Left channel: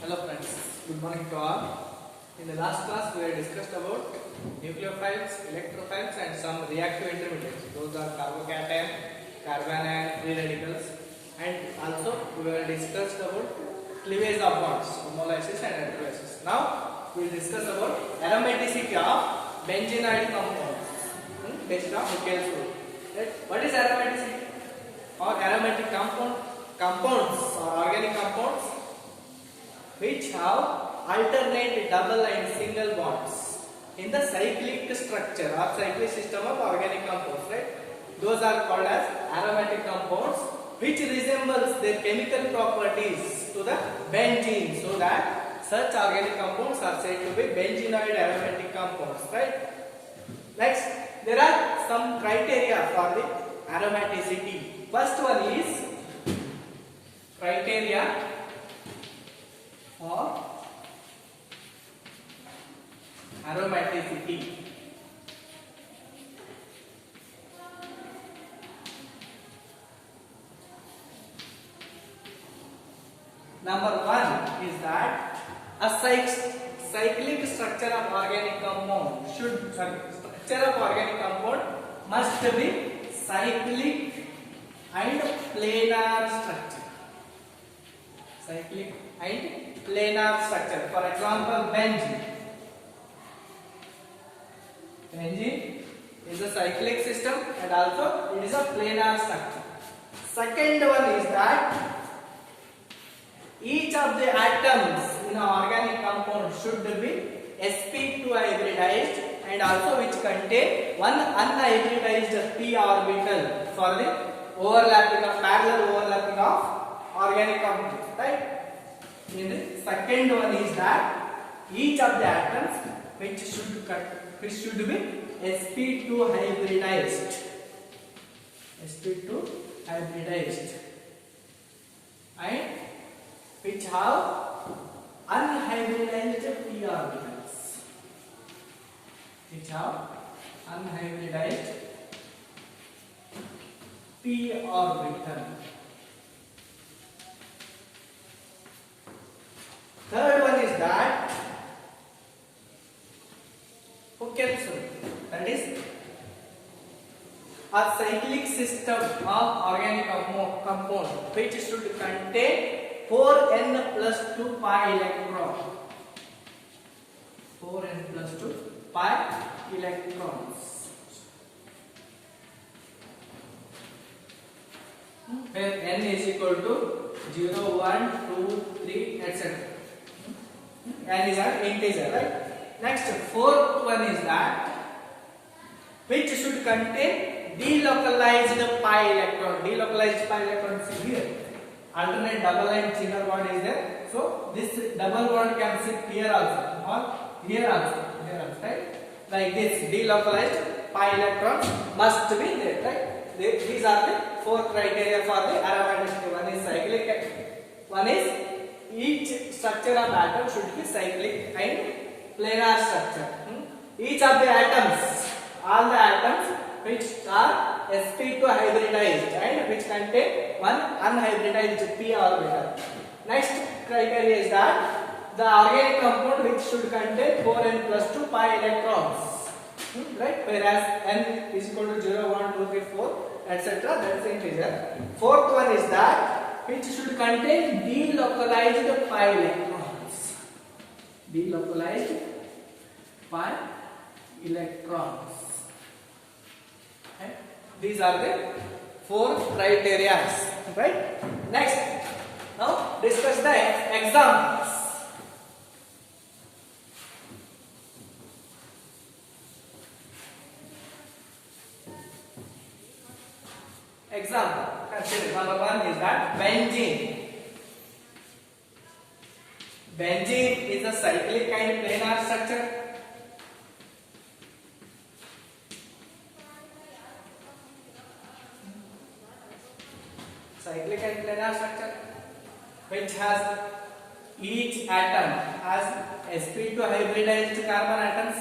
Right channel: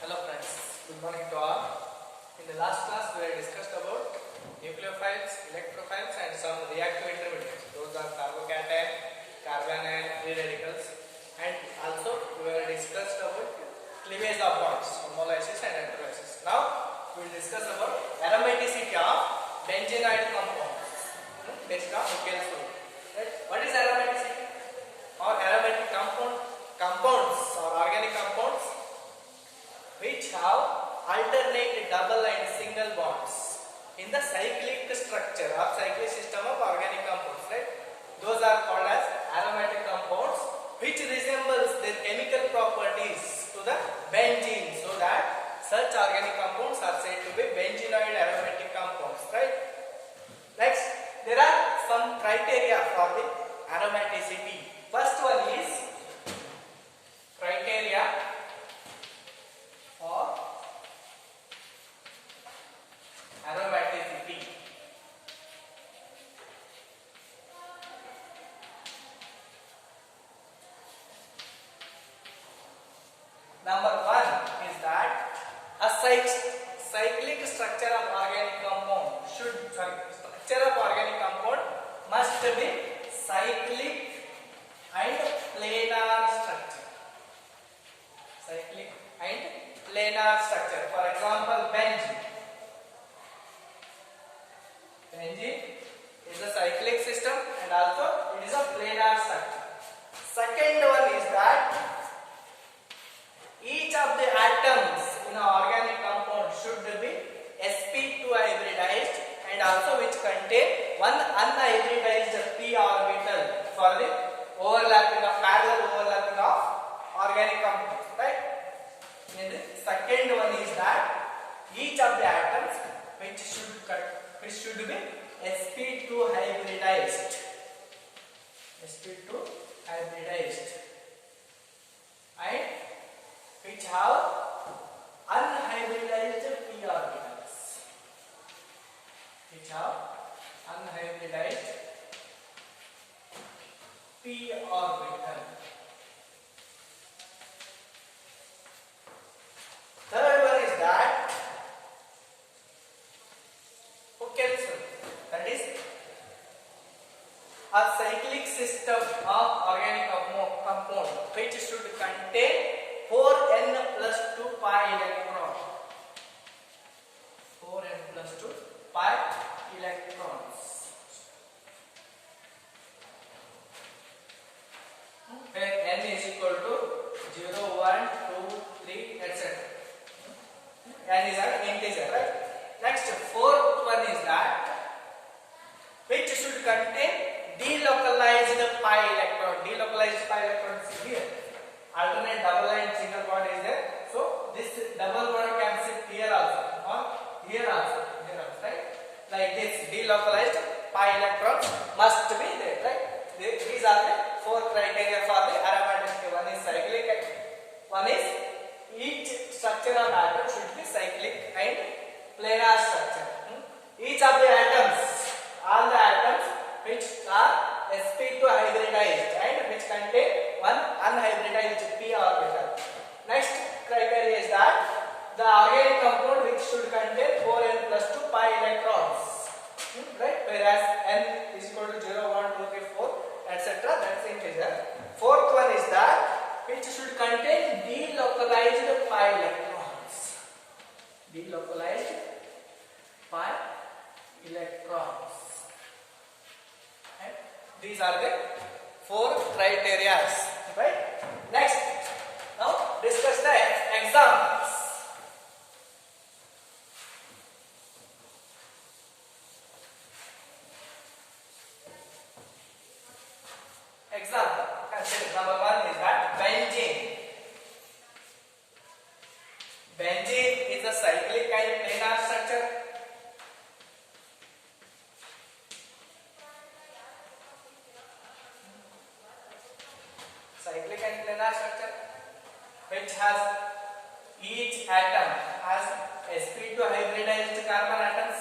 Hello friends, good morning to all. In the last class we have discussed about nucleophiles, electrophiles and some reactive intermediates. Those are carbocation, carbanion, free radicals, and also we have discussed about cleavage of bonds, homolysis and electrolysis. Now we will discuss about aromaticity of benzenoid compounds based on Michael's rule. Right? What is aromaticity? Or aromatic compounds or organic compounds which have alternate double and single bonds in the cyclic structure or cyclic system of organic compounds, right? Those are called as aromatic compounds which resembles their chemical properties to the benzene, so that such organic compounds are said to be benzenoid aromatic compounds, right? Next, there are some criteria for the aromaticity. First one is criteria for aromaticity. Number one is that a cyclic structure of organic compound must be cyclic and planar structure. Cyclic and planar structure. For example, benzene. Benzene is a cyclic system and also it is a planar structure. Second one is that each of the atoms in an organic compound should be sp2 hybridized and also which contain one unhybridized p orbital for the parallel overlapping of organic compounds, right? And the second one is that each of the atoms which should be sp2 hybridized, and which have unhybridized p orbitals, Third one is that that is a cyclic system of organic compound which should contain 4n plus 2 pi electron. 4n plus 2 pi electrons. Where n is equal to 0, 1, 2, 3, etc. N is an integer, right? Next, fourth one is that which should contain delocalized pi electron. Delocalized pi electron is here. Alternate double and single bond is there. So this double bond can sit here also or here also, right? Like this, delocalized pi electron must be there, right? These are the four criteria for the aromaticity. One is cyclic, one is each structure of atom should be cyclic and planar structure. Each of the atoms, all the atoms which are sp2 hybridized and which contain one unhybridized p orbital. Next criteria is that the organic compound which should contain 4n plus 2 pi electrons, right? Whereas n is equal to 0, 1, 2, 3, 4, etc. That is integer. Fourth one is that which should contain delocalized pi electrons. Delocalized pi electrons. These are the four criteria, right? Next, now discuss the examples. Example, consider number one is that benzene. Benzene is a cyclic and planar structure. Cyclic and planar structure which has each atom has sp2 hybridized carbon atoms.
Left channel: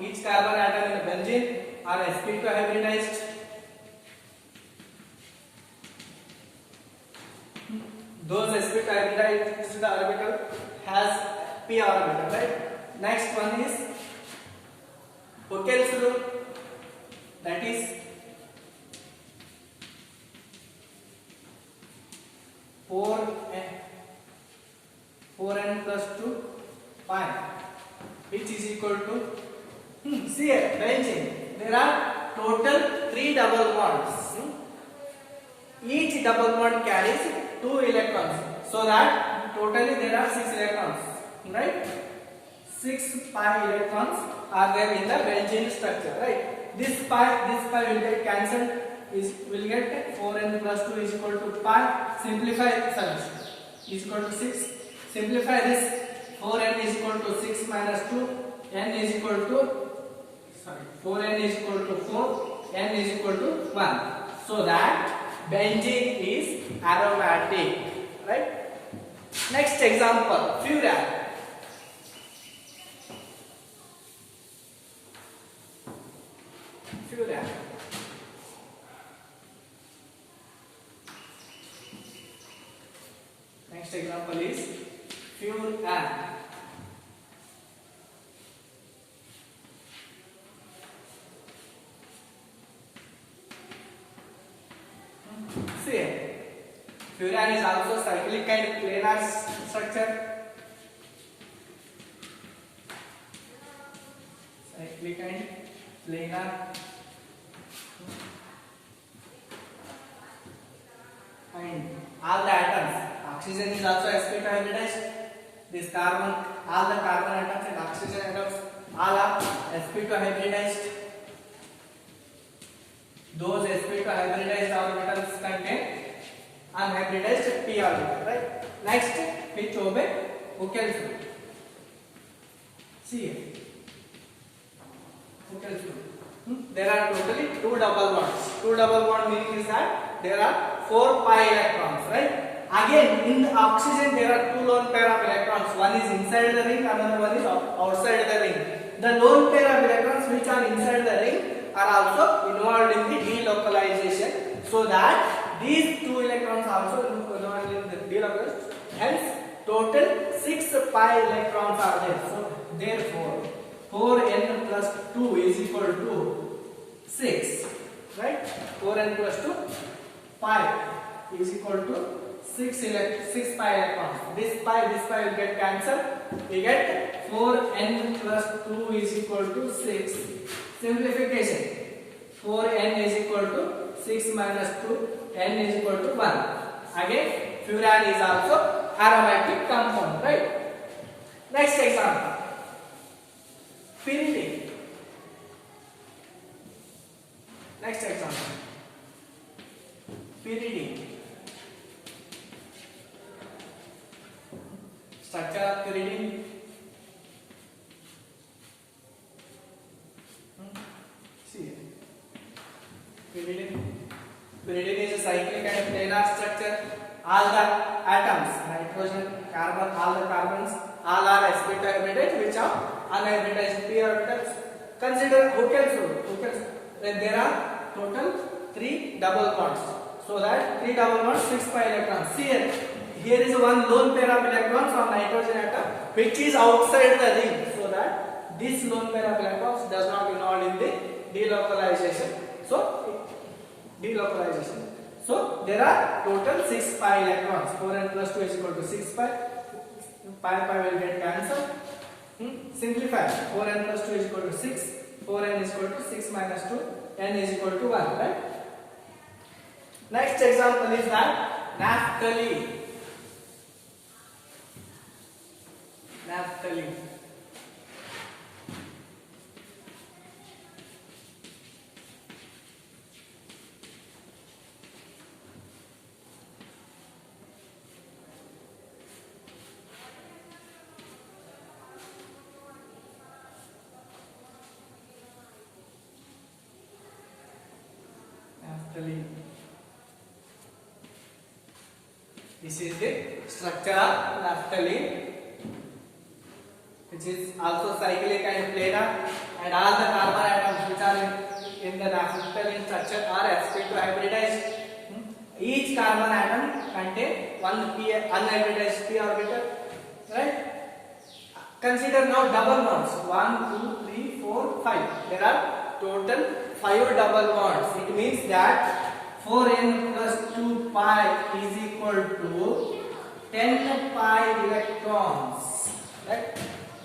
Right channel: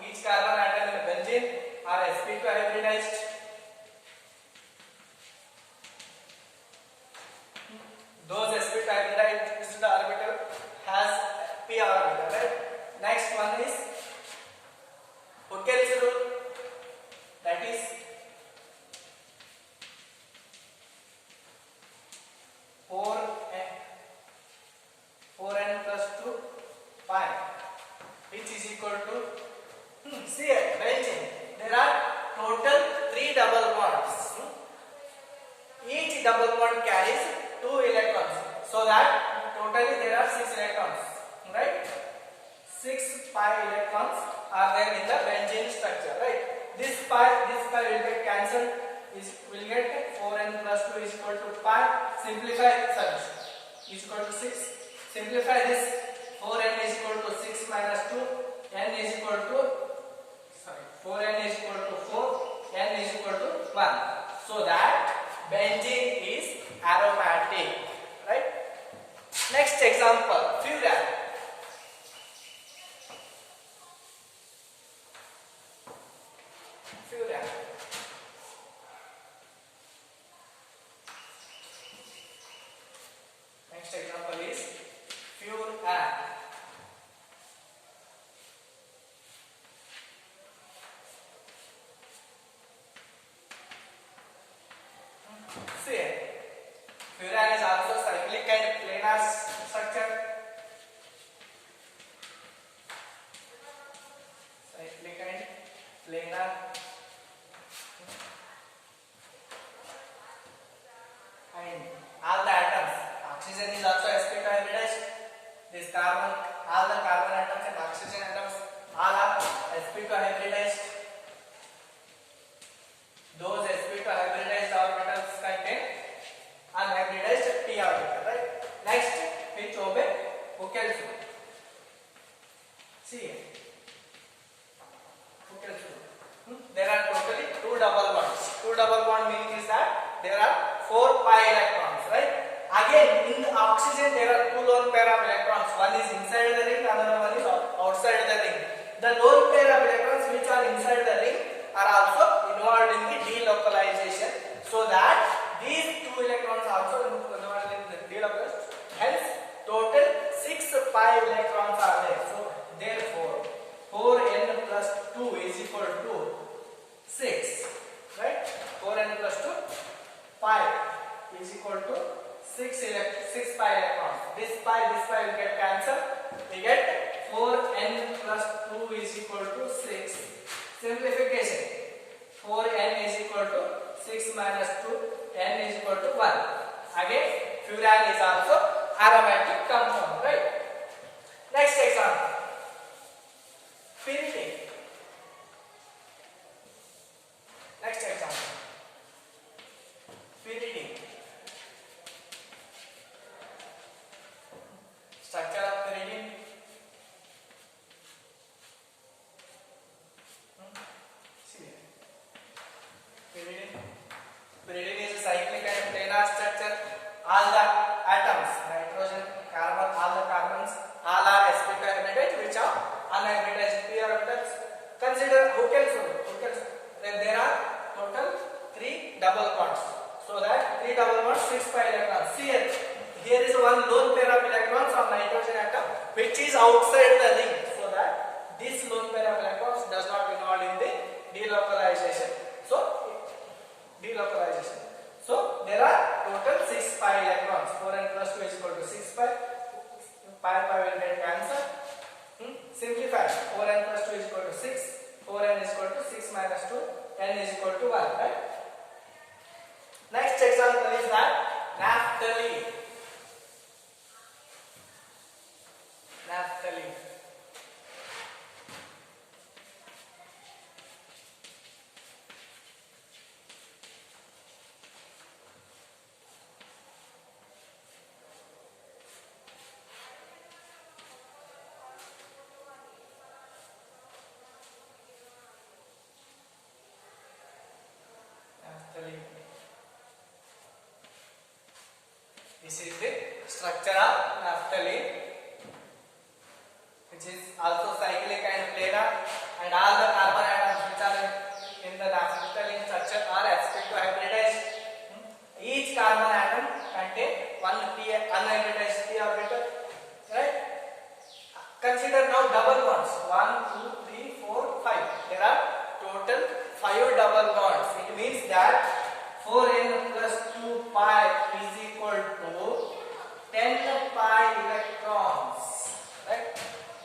Each carbon atom in a benzene are sp2 hybridized. those sp2 hybridized orbital has p orbital, right? Next one is Huckel's rule, that is 4n plus 2 pi, which is equal to see here benzene. There are total 3 double bonds. Each double bond carries 2 electrons, so that totally there are 6 electrons, right? 6 pi electrons are there in the benzene structure, right? This pi will get cancelled. Will get 4n plus 2 is equal to pi. Simplify, sorry, is equal to 6. Simplify this. 4n is equal to 6 minus 2. N is equal to 4n is equal to 4. N is equal to 1. So that benzene is aromatic, right? Next example, furan. Furan. Next example is furan. See, furan is also cyclic and planar structure. Cyclic and planar. And all the atoms, oxygen is also sp2 hybridized. This carbon, all the carbon atoms and oxygen atoms, all are sp2 hybridized. Those sp2 hybridized orbitals contain unhybridized p orbital, right? Next, which obey Huckel's rule. See here, Huckel's rule. There are totally 2 double bonds. 2 double bond meaning is that there are 4 pi electrons, right? Again, in oxygen there are 2 lone pair of electrons. One is inside the ring, another one is outside the ring. The lone pair of electrons which are inside the ring are also involved in the delocalization, so that these 2 electrons also involved in the delocalization. Hence, total 6 pi electrons are there. So, therefore, 4n plus 2 is equal to 6, right? 4n plus 2 pi is equal to 6 pi electrons. This pi will get cancelled. We get 4n plus 2 is equal to 6. Simplification. 4n is equal to 6 minus 2. N is equal to 1. Again, furan is also aromatic compound, right? Next example. Pyridine. Next example. Pyridine. Structure of pyridine. See here. Pyridine is a cyclic and planar structure. All the atoms, nitrogen, carbon, all the carbons, all are sp2 hybridized, which are unhybridized p orbitals. Consider Huckel's rule. When there are total 3 double bonds, so that 3 double bonds, 6 pi electrons. See here is one lone pair of electrons of nitrogen atom which is outside the ring, so that this lone pair of electrons does not involve in the delocalization. So there are total 6 pi electrons. 4n plus 2 is equal to 6 pi. Pi will get cancelled. Simplify. 4n plus 2 is equal to 6. 4n is equal to 6 minus 2. N is equal to 1, right? Next example is that naphthalene. Naphthalene. This is the structure of naphthalene, which is also cyclic and planar, and all the carbon atoms which are in the naphthalene structure are sp2 hybridized. each carbon atom contain one p unhybridized p orbital, right? Consider now double bonds. 1, 2, 3, 4, 5. There are total 5 double bonds. It means that 4n plus 2 pi is equal to 10 pi electrons, right?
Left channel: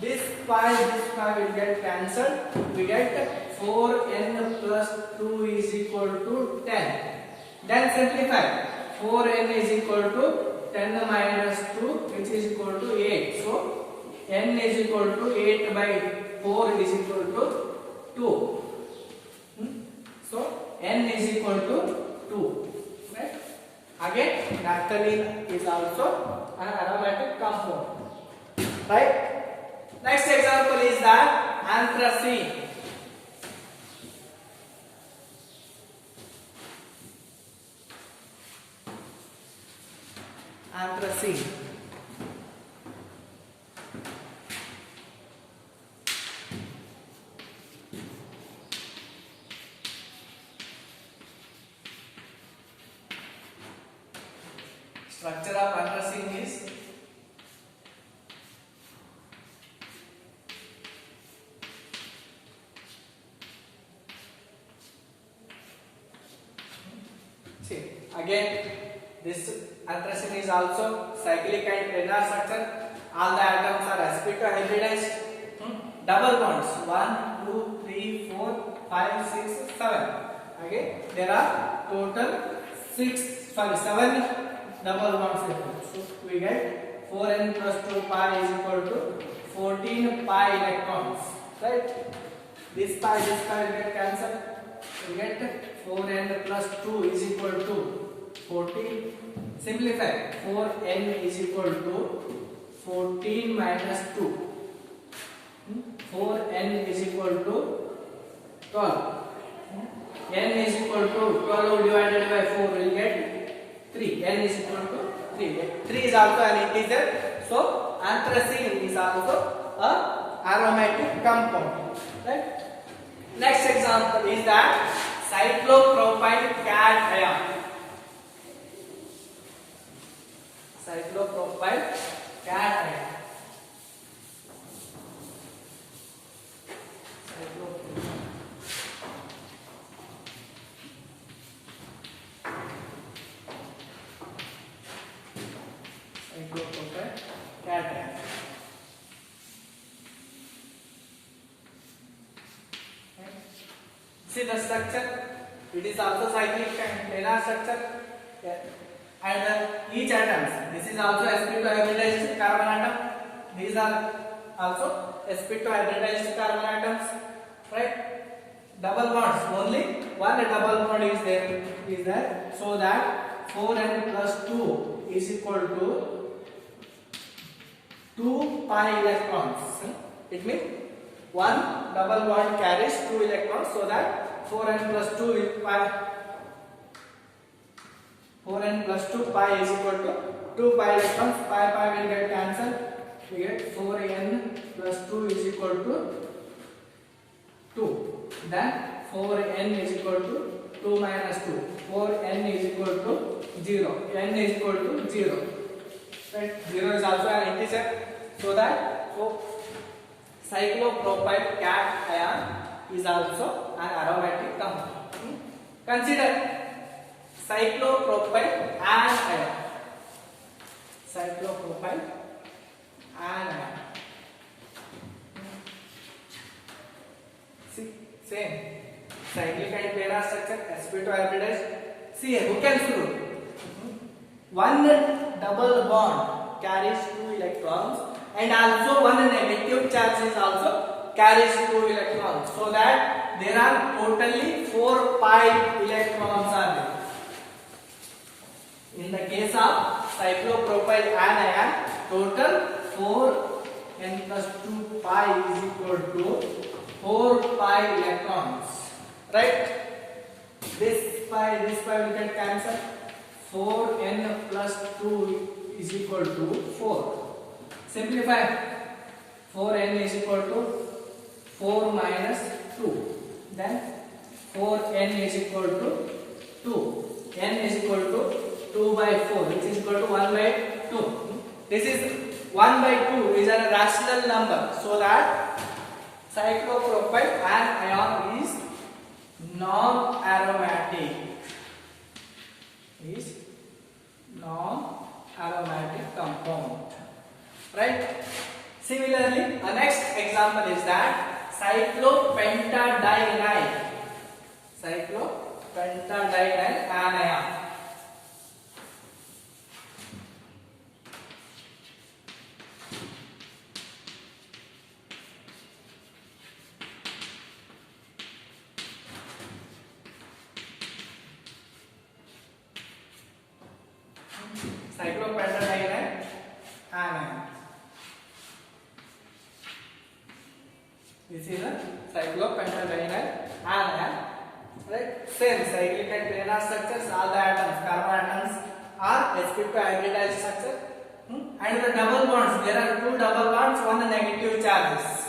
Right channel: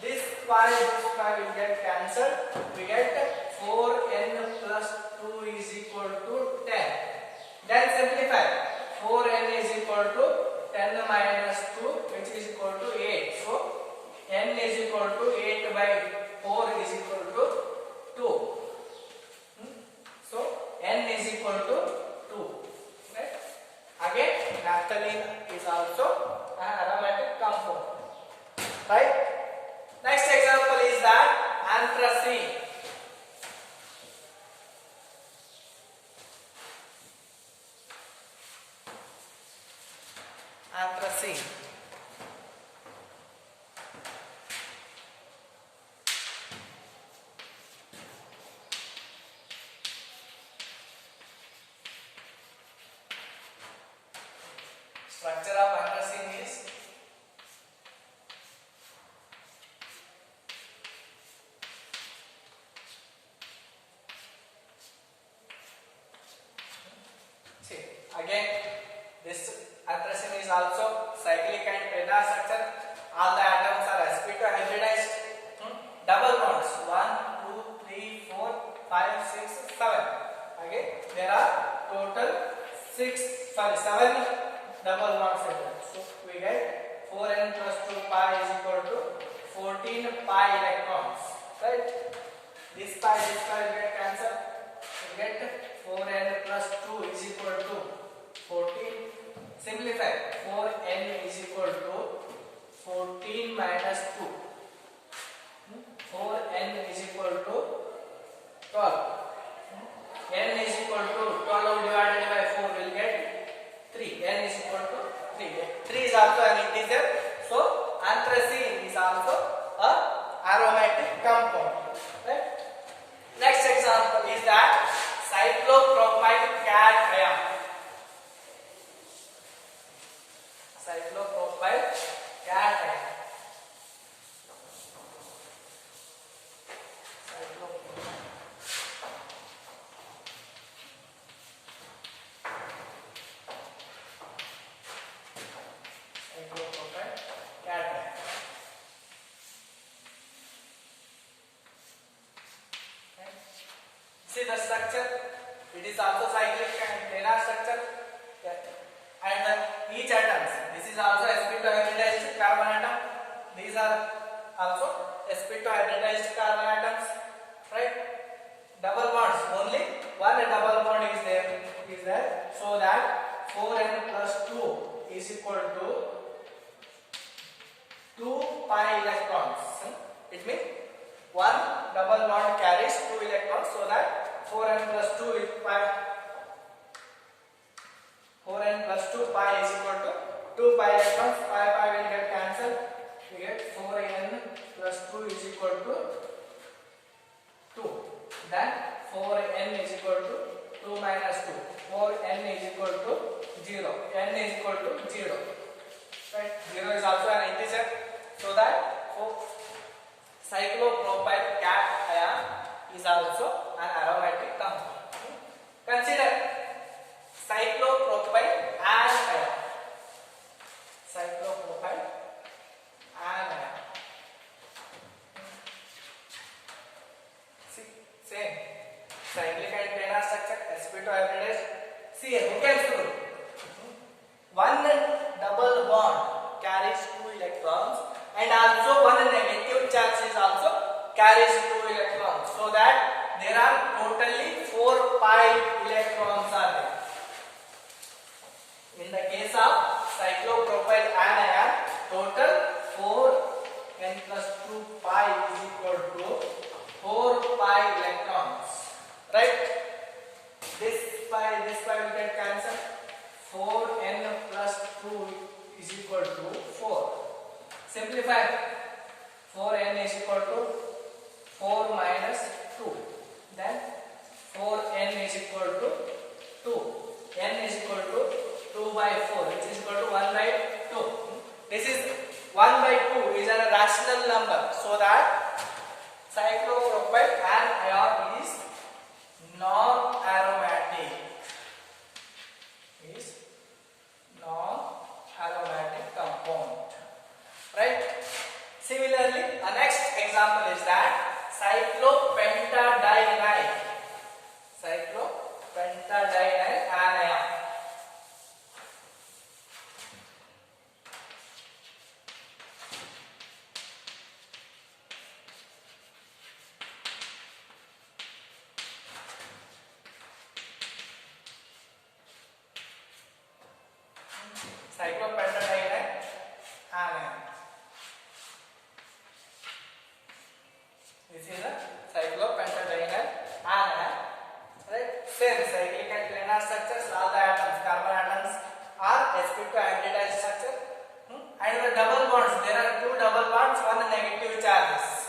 This pi will get cancelled. We get 4n plus 2 is equal to 10. Then simplify. 4n is equal to 10 minus 2, which is equal to 8. So n is equal to 8 by 4 is equal to 2. So n is equal to 2. Right? Again, naphthalene is also an aromatic compound. Right? Next example is that anthracene. Anthracene. Structure of anthracene is see again this anthracene is also cyclic and planar structure. All the atoms are sp2 hybridized. Double bonds 1, 2, 3, 4, 5, 6, 7. Again there are total 7 double bonds. So we get 4n plus 2 pi is equal to 14 pi electrons, right? This pi will get cancelled. We get 4n plus 2 is equal to 14. Simplify. 4n is equal to 14 minus 2. 4n is equal to 12. N is equal to 12 divided by 4 will get 3. N is equal to 3. 3 is also an integer. So anthracene is also a aromatic compound. Right? Next example is that cyclopropyl cation. Cyclopropyl cation. Cyclopropyl cation. See the structure. It is also cyclic and planar structure. And each atoms. This is also sp2 hybridized carbon atom. These are also sp2 hybridized carbon atoms. Right? Double bonds. Only one double bond is there. So that 4n plus 2 is equal to 2 pi electrons. It means one double bond carries 2 electrons, so that 4n plus 2 is pi. 4n plus 2 pi is equal to 2 pi electrons. Pi will get cancelled. We get 4n plus 2 is equal to 2. Then 4n is equal to 2 minus 2. 4n is equal to 0. N is equal to 0. Right? 0 is also an integer. So that cyclopropyl cation is also an aromatic compound. Consider cyclopropyl anion. Cyclopropyl anion. See, same. Cyclic and planar structure, sp2 hybridized. See, Hooken's rule. One double bond carries 2 electrons, and also one negative charge is also carries 2 electrons. So that there are totally 4 pi electrons are there. In the case of cyclopropyl anion, total 4n plus 2 pi is equal to 4 pi electrons. Right? This pi will get cancelled. 4n plus 2 is equal to 4. Simplify. 4n is equal to 4 minus 2. Then 4n is equal to 2. n is equal to 2 by 4, which is equal to 1 by 2. This is 1 by 2 is a rational number, so that cyclopropyl anion is non-aromatic. Is non-aromatic compound, right? Similarly, a next example is that cyclopentadiene anion. Cyclopentadiene anion. This is a cyclopentadiene anion, right? Same cyclic and planar structures. All the atoms, carbon atoms, are sp2 hybridized structure. And the double bonds, there are two double bonds, one negative charges.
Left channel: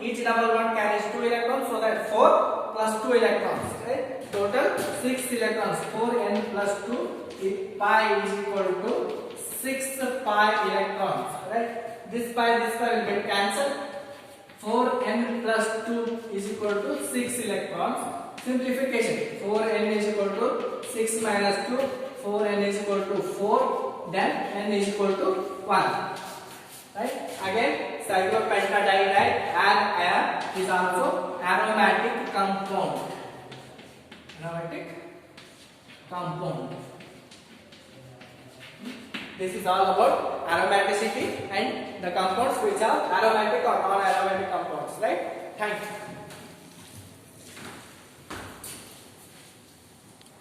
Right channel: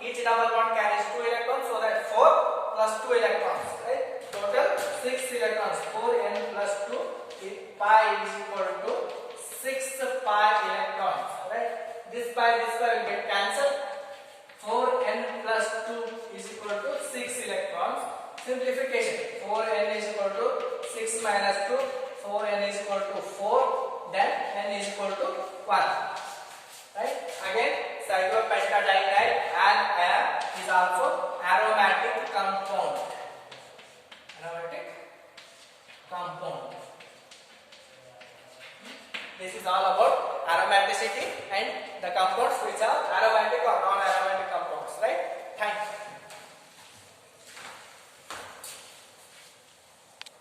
Each double bond carries 2 electrons, so that 4 plus 2 electrons, right? Total 6 electrons. 4n plus 2 pi is equal to 6 pi electrons, right? This pi will get cancelled. 4n plus 2 is equal to 6 electrons. Simplification. 4n is equal to 6 minus 2. 4n is equal to 4. Then n is equal to 1. Right? Again, cyclopentadiene anion is also aromatic compound. Aromatic compound. This is all about aromaticity and the compounds which are aromatic or non-aromatic compounds, right? Thank you.